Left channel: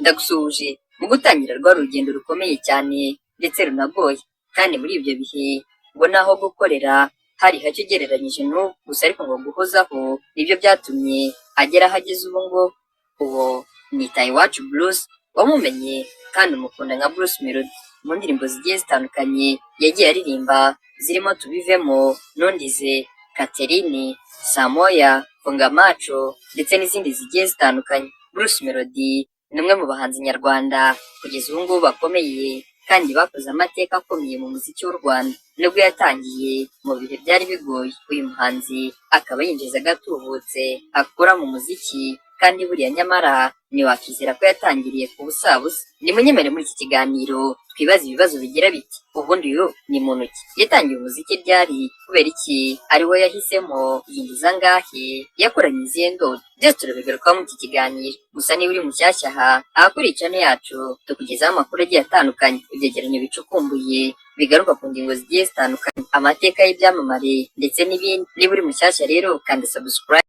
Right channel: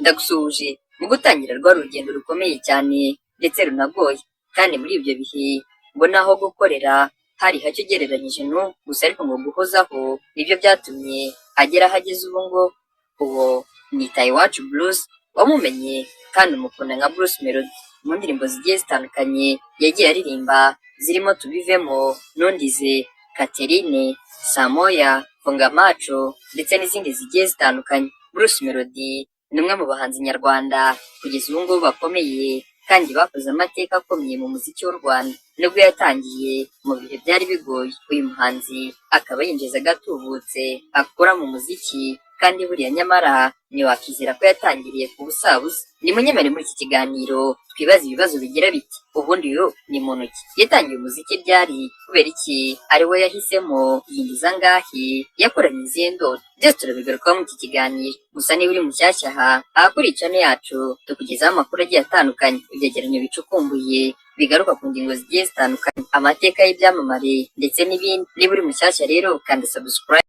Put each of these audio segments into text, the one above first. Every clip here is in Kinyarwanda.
Ndagusuhuje mu gutangira rwa rugendo rukomeye cyane ndetse runagoye, kandi muri ibyo bihe ubona aho gukorera hari hake ugereranyije n'ubu, gusa ariko ngo guhozaho nibyo byatumye agera aho ageze ubu ngubu. Uwo ni Iwacu Bruce, wamumenye kandi umukunda nka Bruce Melody mu ndirimbo zigiye zitandukanye yagiye aririmba, zirimo Tubivemo, Nundize, Catherine, Samoya, Funga Macho ndetse n'izindi zigiye zitandukanye. Bruce Melody ni umwe mu bahanzi nyarwanda kugeza ubu ngubu bakomeye kandi bakoze amateka akomeye mu muziki w'u Rwanda. Nubwo yatangiye mu bihe byari bigoye, uyu muhanzi akaba yinjiza agatubutse akora mu muziki, kandi buriya nyamara ntiwakizera ko yatangiriye ku busabusa. Nimunyemere muri iki kiganiro twibaza ibibazo bigira biti: ubundi uyu ni muntu ki? Yatangiye umuziki ryari? Kubera iki ari we yahisemo? Yinjiza angahe? Yakoranye izihe ndoto? Byose turabigarukaho muri iki kiganiro. Gusa niba uri mushyashya aha, ahakuri channel yacu tukugezaho amakuru agiye atandukanye, ibyegeranyo bicukumbuye bigaruka ku ngingo zigiye zitandukanye, amateka y'ibyamamare ndetse n'ibindi. Niba uri mushyashya rero kanda subscribe.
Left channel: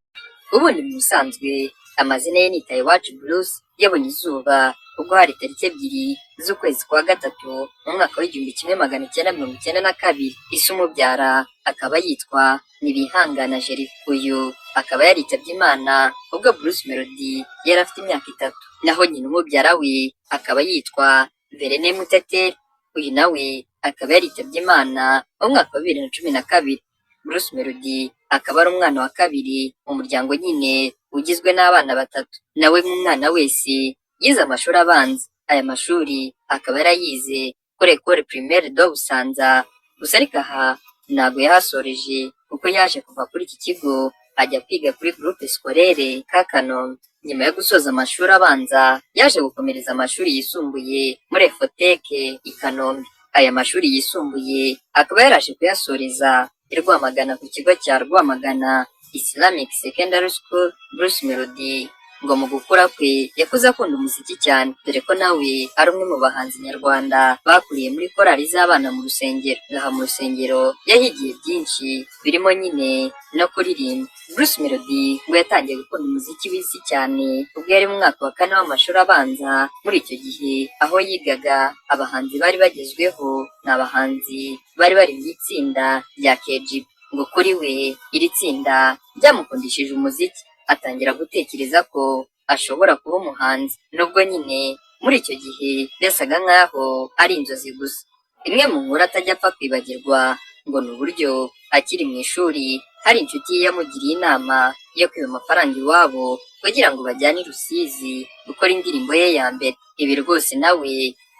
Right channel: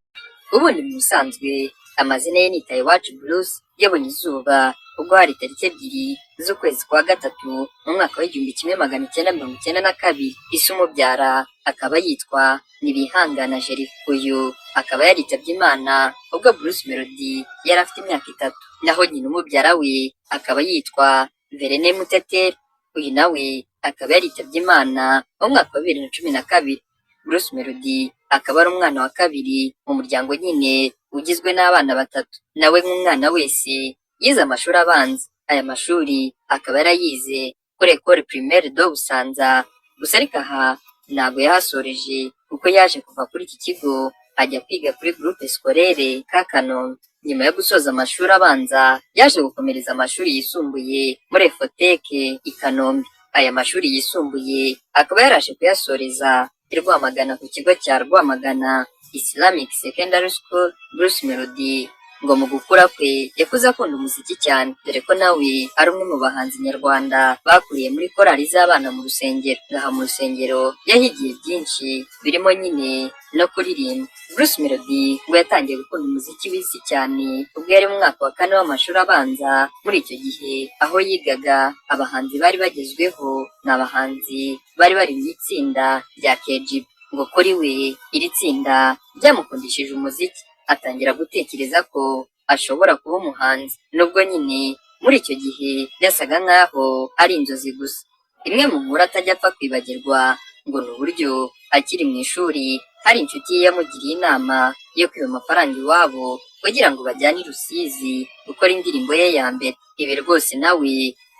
Ubundi mu busanzwe amazina ye ni Iwacu Bruce, yabonye izuba ubwo hari tariki 2 z'ukwezi kwa gatatu mu mwaka w'1992. Ise umubyara akaba yitwa Nibihangana Jeri. Uyu akaba yaritabye Imana ubwo Bruce Melody yari afite imyaka 3, naho nyina umubyara we akaba yitwa Verene Muteteri. Uyu nawe akaba yaritabye Imana mu mwaka wa 2012. Bruce Melody akaba ari umwana wa kabiri mu muryango nyine ugizwe n'abana 3. Nawe nk'umwana wese yize amashuri abanza. Aya mashuri akaba yarayize kuri Ecole Primaire de Busanza, gusa ariko aha ntabwo yahasoreje kuko yaje kuva kuri iki kigo ajya kwiga kuri Groupe Scolaire ka Kanombe. Nyuma yo gusoza amashuri abanza yaje gukomereza amashuri yisumbuye muri Efoteke i Kanombe. Aya mashuri yisumbuye akaba yaraje kuyasoreza i Rwamagana ku kigo cya Rwamagana Islamic Secondary School. Bruce Melody ngo mu gukura kwe yakuze akunda umuziki cyane, dore ko nawe ari umwe mu bahanzi nyarwanda bakuriye muri korali z'abana mu rusengero. Ngaha mu rusengero yahigiye byinshi birimo nyine no kuririmba. Bruce Melody ngo yatangiye gukunda umuziki w'isi cyane ubwo yari mu mwaka wa 4 w'amashuri abanza. Muri icyo gihe aho yigaga, abahanzi bari bagezweho ni abahanzi bari mu itsinda rya KGB. Ngo kuri we iri tsinda ryamukundishije umuziki, atangira gutekereza ko ashobora kuba umuhanzi, nubwo nyine muri icyo gihe byasaga nk'aho ari inzozi gusa. Imwe mu nkuru atajya apfa kwibagirwa ngo ni uburyo akiri mu ishuri hari inshuti ye yamugiriye inama yo kwiba amafaranga iwabo kugira ngo bajyane i Rusizi gukora indirimbo ye ya mbere. Ibi rwose nawe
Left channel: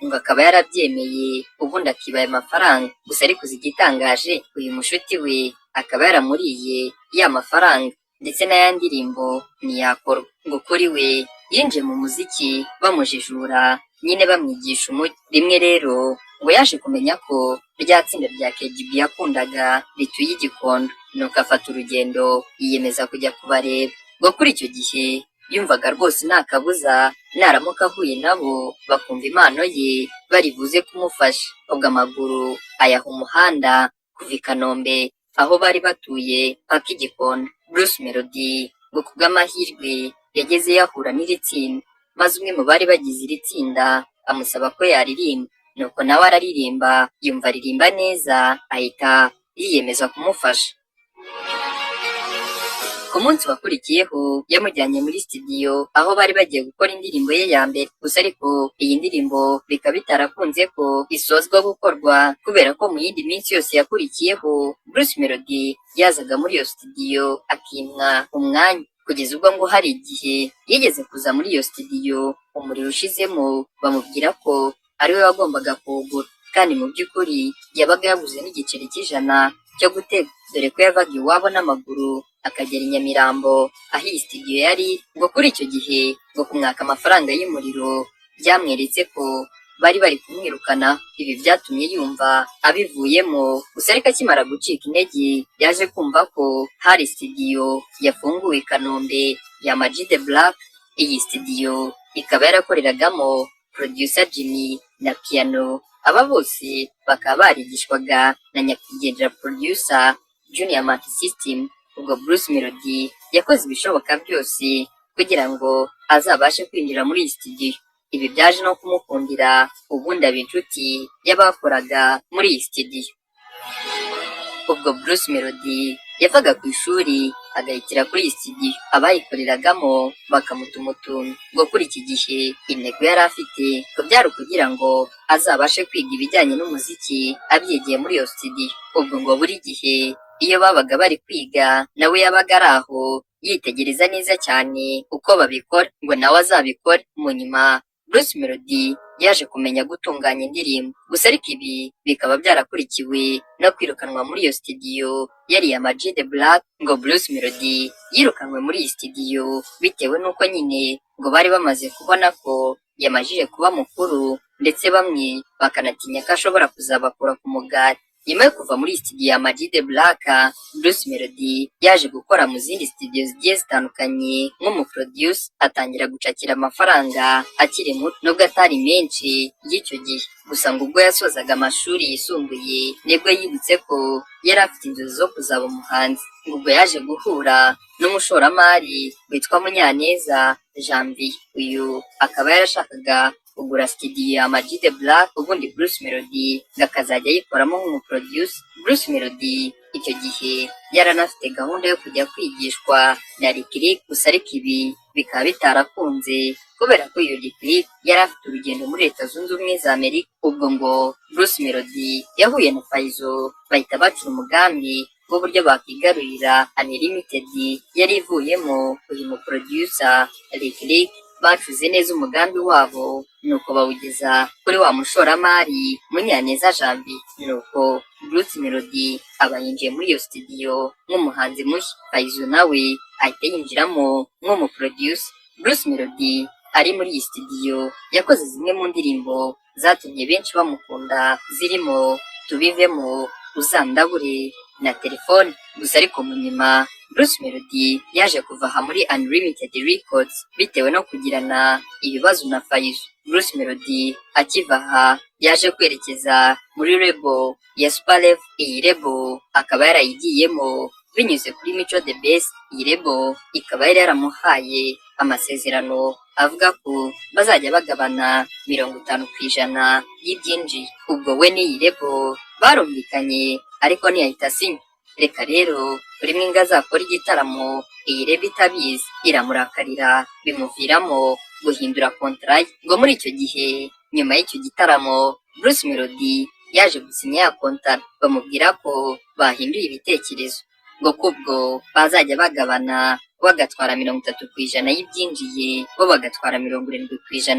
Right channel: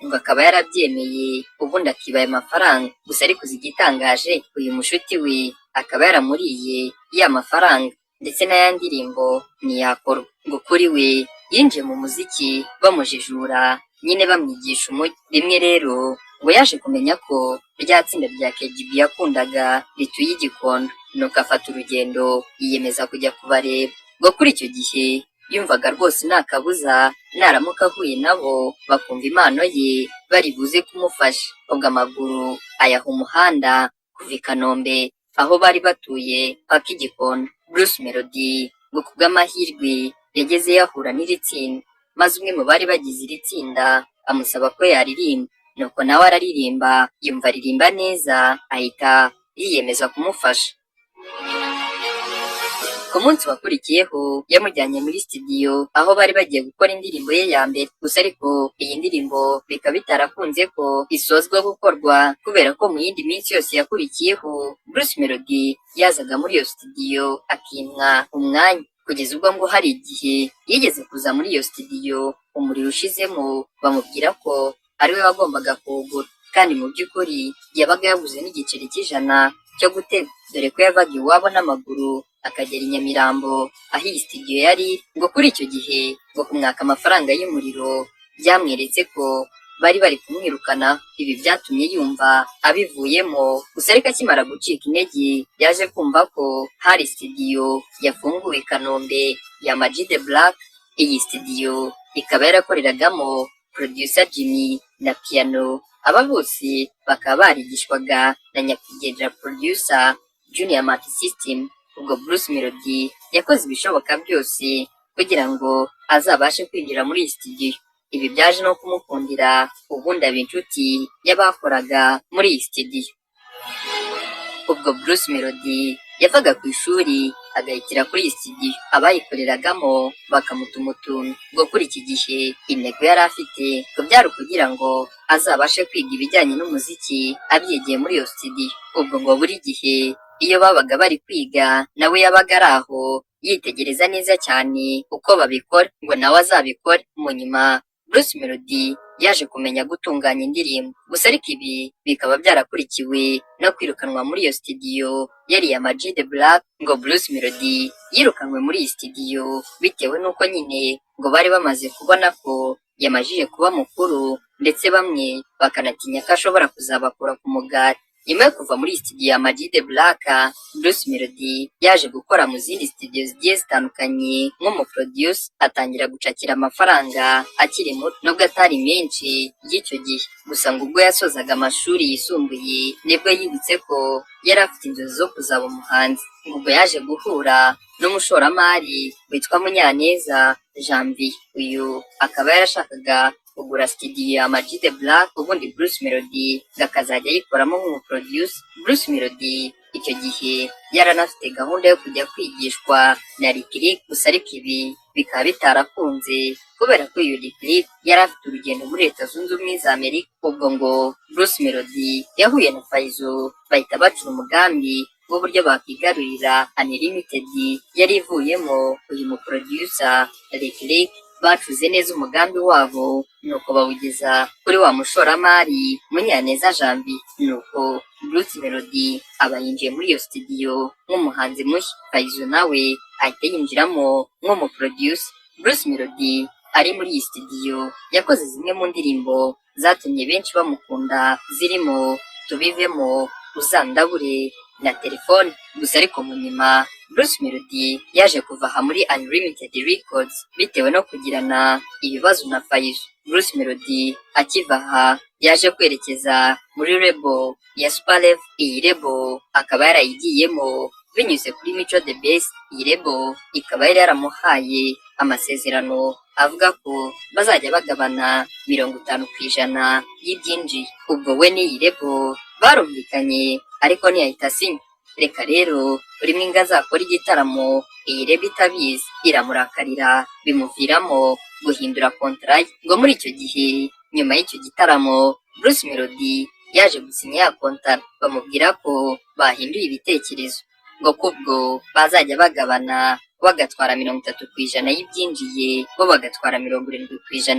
ngo akaba yarabyemeye, ubundi akiba ayo mafaranga. Gusa ariko igitangaje, uyu mushuti we akaba yaramuriye ya mafaranga ndetse n'aya ndirimbo ntiyakora. Ngo kuri we yinjiye mu muziki bamujijura, nyine bamwigisha umuti. Rimwe rero ngo yaje kumenya ko rya tsinda rya KGB yakundaga rituye i Gikondo, nuko afata urugendo yiyemeza kujya kubareba. Ngo kuri icyo gihe yumvaga rwose nta kabuza naramuka ahuye nabo bakumva impano ye bari buze kumufasha. Ubwo amaguru ayaha umuhanda kuva i Kanombe aho bari batuye paka i Gikondo. Bruce Melody ngo kubw'amahirwe yageze yahura n'iri tsinda, maze umwe mu bari bagize iri tsinda amusaba ko yaririmba, nuko nawe araririmba, yumva aririmba neza, ahita yiyemeza kumufasha. Ku munsi wakurikiyeho yamujyanye muri studio aho bari bagiye gukora indirimbo ye ya mbere. Gusa ariko iyi ndirimbo bikaba bitarakunze ko isozwa gukorwa, kubera ko mu yindi minsi yose yakurikiyeho Bruce Melody yazaga muri iyo studio akimwa umwanya, kugeza ubwo ngo hari igihe yigeze kuza muri iyo studio umuriro ushizemo bamubwira ko ariwe wagombaga kuwugura, kandi mu by'ukuri yabaga yaguze n'igiceri cy'100 cyo gutega, dore ko yavaga iwabo n'amaguru akagera i Nyamirambo aho iyi studio yari. Ngo kuri icyo gihe ngo kumwaka amafaranga y'umuriro byamweretse ko bari kumwirukana. Ibi byatumye yumva abivuyemo, gusa ariko akimara gucika intege yaje kumva ko hari studio yafunguwe i Kanombe ya Ama-G The Black. Iyi studio ikaba yarakoreragamo producer Jimmy na piano. Aba bose bakaba barigishwaga na nyakwigendera producer Junior Multisystem. Ubwo Bruce Melody yakoze ibishoboka byose kugira ngo azabashe kwinjira muri iyi studio. ibi byaje no kumukundira ubundi aba inshuti y'abakoraga muri iyi studio. Ubwo Bruce Melody yavaga ku ishuri agahitira kuri iyi studio abayikoreragamo bakamutuma utuntu ngo kuri iki gihe intego yari afite ngo byari ukugira ngo azabashe kwiga ibijyanye n'umuziki abyigiye muri iyo studio. Ubwo ngo buri gihe iyo babaga bari kwiga nawe yabaga ari aho yitegereza neza cyane uko babikora ngo nawe azabikore. Mu nyuma Bruce Melody yaje kumenya gutunganya indirimbo, gusa ariko ibi bikaba byarakurikiwe no kwirukanwa muri iyo studio yari iya Ama G The Black. Ngo Bruce Melody yirukanwe muri iyi studio bitewe n'uko nyine ngo bari bamaze kubona ko yamajije kuba mukuru, ndetse bamwe bakanatinya ko ashobora kuzabakura ku mugati. Nyuma yo kuva muri studio ya Ama G The Black, Bruce Melody yaje gukora mu zindi studio zigiye zitandukanye nk'umuproduce, atangira gucakira amafaranga akiri muto nubwo atari menshi y'icyo gihe. Gusa ngo ubwo yasozaga amashuri yisumbuye nibwo yibutse ko yari afite inzozi zo kuzaba umuhanzi. Ubwo yaje guhura n'umushoramari witwa Munyaneza Janvier. Uyu akaba yarashakaga kugura studio ya Ama G The Black, ubundi Bruce Melody akazajya ayikoramo nk'umuproduce. Bruce Melody icyo gihe yaranafite gahunda yo kujya kwigishwa na Lick Lick, gusa ariko ibi bikaba bitarakunze kubera ko uyu Lick Lick yari afite urugendo muri Leta Zunze Ubumwe za Amerika. Ubwo ngo Bruce Melody yahuye na Fayzo bahita bacura umugambi w'uburyo bakigarurira Unlimited yari ivuyemo uyu muproducer Lick Lick. Bacuze neza umugambi wabo nuko bawugeza kuri wa mushoramari Munyaneza Janvier, nuko Bruce Melody aba yinjiye muri iyo studio nk'umuhanzi mushya. Fayzo nawe ahita yinjiramo nk'umuproducer. Bruce Melody ari muri iyi studio yakoze zimwe mu ndirimbo zatumye benshi bamukunda zirimo Tubivemo, Uzandabure na Telefone. Gusa ariko mu nyuma Bruce Melody yaje kuva aha muri Unlimited Records bitewe no kugirana ibibazo na Fayzo. Bruce Melody akiva aha yaje kwerekeza muri label ya Super Level. Iyi label akaba yarayigiyemo binyuze kuri Mico The Best. Iyi label ikaba yari yaramuhaye amasezerano avuga ko bazajya bagabana 50% y'ibyinjiye. Ubwo we n'iyi label barumvikanye ariko ntiyahita asinya. Reka rero buri mwinga azakora igitaramo iyi label itabizi iramurakarira, bimuviramo guhindura contrat. Ngo muri icyo gihe nyuma y'icyo gitaramo Bruce Melody yaje gusinya ya contrat, bamubwira ko bahinduye ibitekerezo ngo kubwo bazajya bagabana, bagatwara 30% y'ibyinjiye, bo bagatwara 70%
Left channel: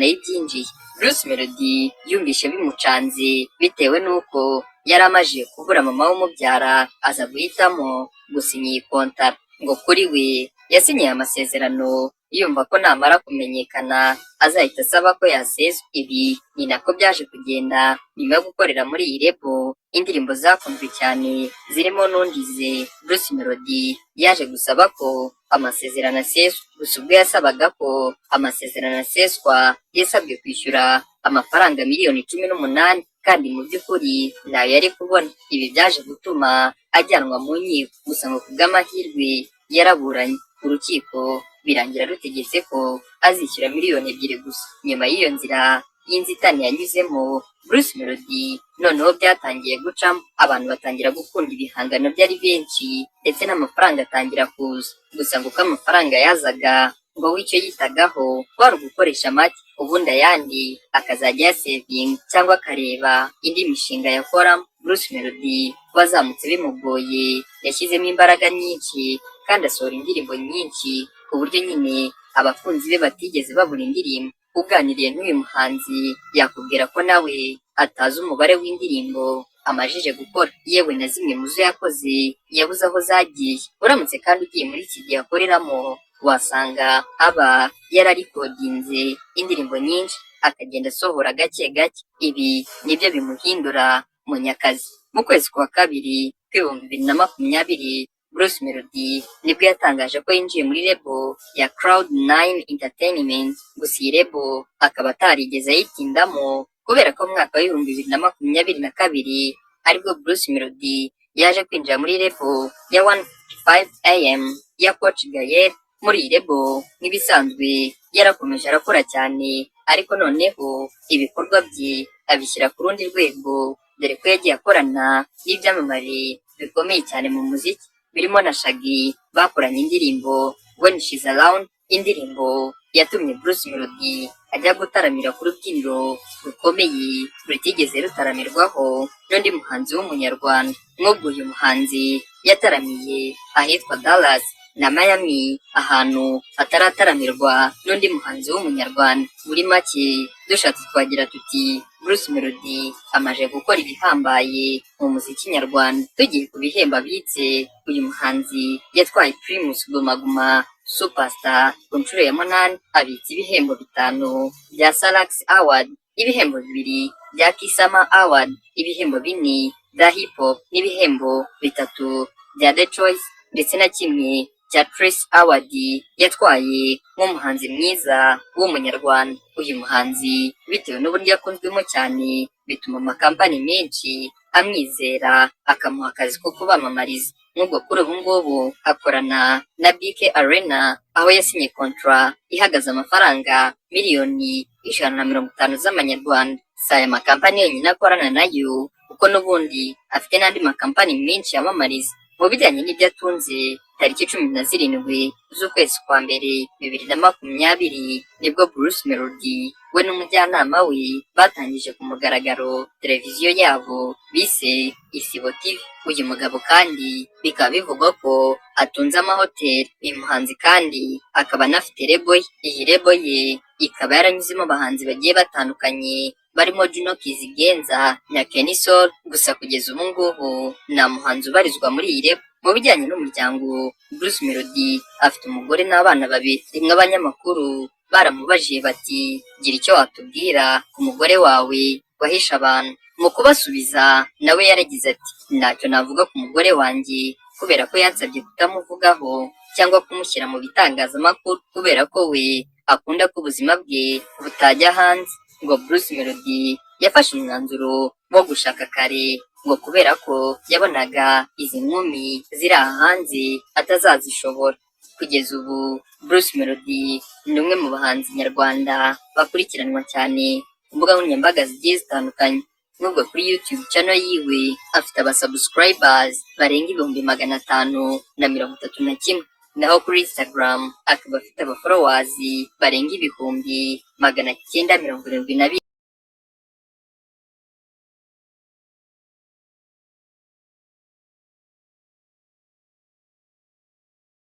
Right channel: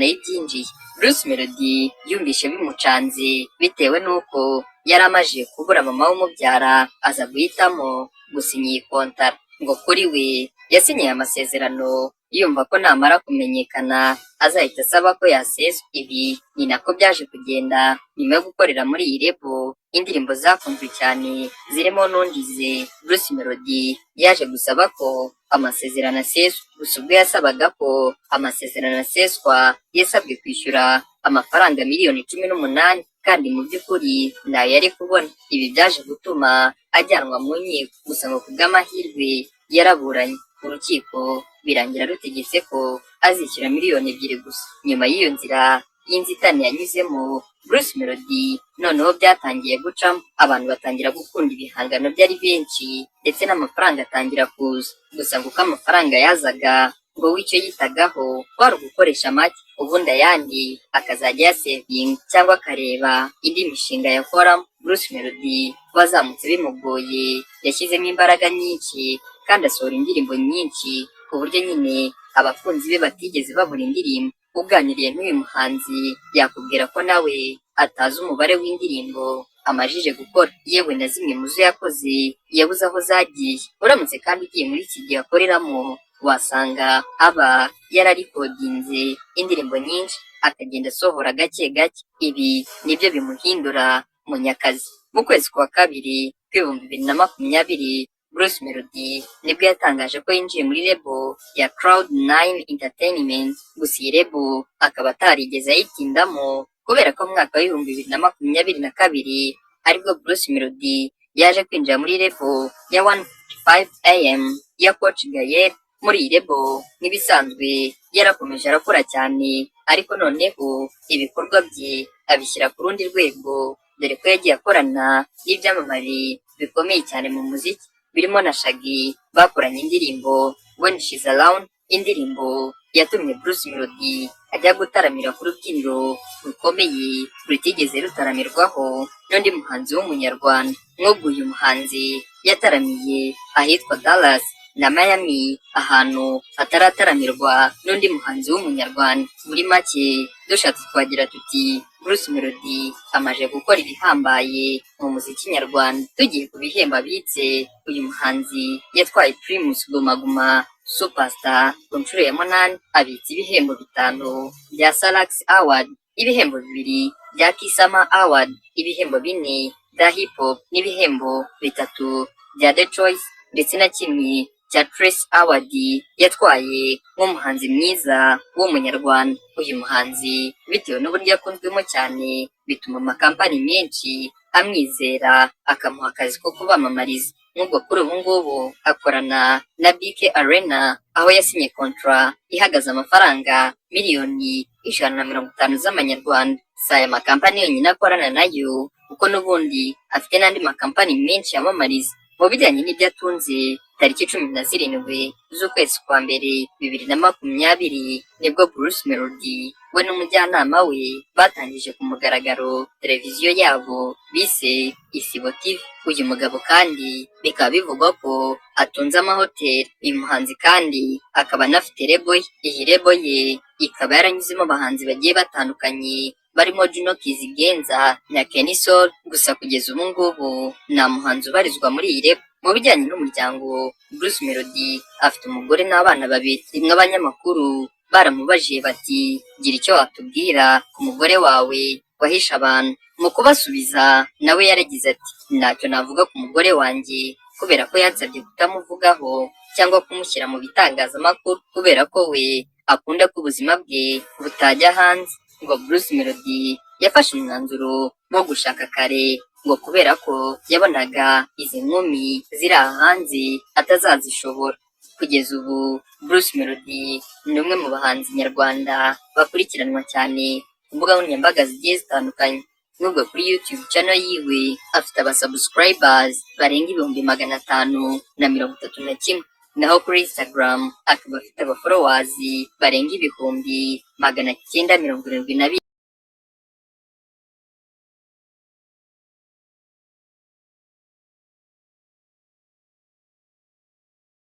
y'ibyinjiye. Bruce Melody yumvishe bimucanze bitewe n'uko yari amaje kubura mama w'umubyara, aza guhitamo gusinya iyi contrat. Ngo kuri we yasinyiye amasezerano yumva ko namara kumenyekana azahita asaba ko yaseswa. Ibi ni nako byaje kugenda. Nyuma yo gukorera muri iyi label indirimbo zakunzwe cyane zirimo Nungize, Bruce Melody yaje gusaba ko amasezerano aseswa. Gusa ubwo yasabaga ko amasezerano aseswa yasabwe kwishyura amafaranga miliyoni 18, kandi mu by'ukuri nayo yari kubona. Ibi byaje gutuma ajyanwa mu nkiko, gusa ngo kubw'amahirwe yaraburanye. Urukiko birangira rutegetse ko azishyura miliyoni 2 gusa. Nyuma y'iyo nzira y'inzitane yanyuzemo Bruce Melody, noneho byatangiye gucamo, abantu batangira gukunda ibihangano byari benshi ndetse n'amafaranga atangira kuza. Gusa ngo uko amafaranga yazaga ngo w'icyo yitagaho kwari ugukoresha make, ubundi ayandi akazajya yasevinga cyangwa akareba indi mishinga yakoramo. Bruce Melody wazamutse bimugoye yashyizemo imbaraga nyinshi kandi asohora indirimbo nyinshi ku buryo nyine abakunzi be batigeze babura indirimbo. Uganiriye n'uyu muhanzi yakubwira ko nawe atazi umubare w'indirimbo amajije gukora, yewe na zimwe mu zo yakoze yabuze aho zagiye. Uramutse kandi ugiye muri iki gihe akoreramo wasanga aba yararikodinze indirimbo nyinshi akagenda asohora gake gake. Ibi nibyo bimuhindura munyakazi. Mu kwezi kwa kabiri kw'ibihumbi 2020 Bruce Melody nibwo yatangaje ko yinjiye muri label ya Cloud9 Entertainment. Gusa iyi label akaba atarigeze ayitindamo kubera ko mu mwaka w'ibihumbi 2022 aribwo Bruce Melody yaje kwinjira muri label ya 155am ya Coach Gael. Muri iyi label nk'ibisanzwe yarakomeje arakora cyane ariko noneho ibikorwa bye abishyira ku rundi rwego, dore ko yagiye akorana n'ibyamamare bikomeye cyane mu muziki birimo na Shaggy. Bakoranye indirimbo When She's Around, indirimbo yatumye Bruce Melody ajya gutaramira ku rubyiniro rukomeye rutigeze rutaramirwaho n'undi muhanzi w'umunyarwanda. Nk'ubwo uyu muhanzi yataramiye ahitwa Dallas na Miami, ahantu atarataramirwa n'undi muhanzi w'umunyarwanda. Muri make dushatse twagira tuti Bruce Melody amaze gukora ibihambaye mu muziki nyarwanda. Tugiye ku bihembo abitse, uyu muhanzi yatwaye Primus Guma Guma Superstar ku nshuro ya 8, abitse ibihembo 5 bya Salax Award, ibihembo 2 bya Kisama Award, ibihembo 4 bya Hip Hop n'ibihembo 3 bya The Choice, ndetse na kimwe cya Trace Award yatwaye nk'umuhanzi mwiza w'umunyarwanda. Uyu muhanzi bitewe n'uburyo akunzwemo cyane, bituma amakampani menshi amwizera akamuha akazi ko kubamamariza. Nk'ubwo kuri ubu ngubu akorana na BK Arena, aho yasinye kontra ihagaze amafaranga miliyoni 150 z'amanyarwanda. Si aya makampani yonyine akorana nayo, kuko n'ubundi afite n'andi makampani menshi yamamariza. Mu bijyanye n'ibyo atunze, tariki 17 z'ukwezi kwa mbere 2020 nibwo Bruce Melody we n'umujyanama we batangije ku mugaragaro televiziyo yabo bise Isibo TV. Uyu mugabo kandi bikaba bivugwa ko atunze amahoteli. Uyu muhanzi kandi akaba anafite lebo ye. Iyi lebo ye ikaba yaranyuzemo abahanzi bagiye batandukanye barimo Juno Kizigenza na Kenny Soul. Gusa kugeza ubu ngubu nta muhanzi ubarizwa muri iyi lebo. Mu bijyanye n'umuryango, Bruce Melody afite umugore n'abana 2. Rimwe abanyamakuru baramubajije bati gira icyo watubwira ku mugore wawe wahisha abantu. Mu kubasubiza nawe yaragize ati ntacyo navuga ku mugore wanjye, kubera ko yansabye kutamuvugaho cyangwa kumushyira mu bitangazamakuru, kubera ko we akunda ko ubuzima bwe butajya hanze. Ngo Bruce Melody yafashe umwanzuro wo gushaka kare, ngo kubera ko yabonaga izi nkumi ziri aha hanze atazazishobora. Kugeza ubu Bruce Melody ni umwe mu bahanzi nyarwanda bakurikiranwa cyane ku mbuga nkoranyambaga zigiye zitandukanye. Nubwo kuri YouTube channel yiwe afite abasubscribers barenga 531, naho kuri Instagram akaba afite abafollowers barenga 972.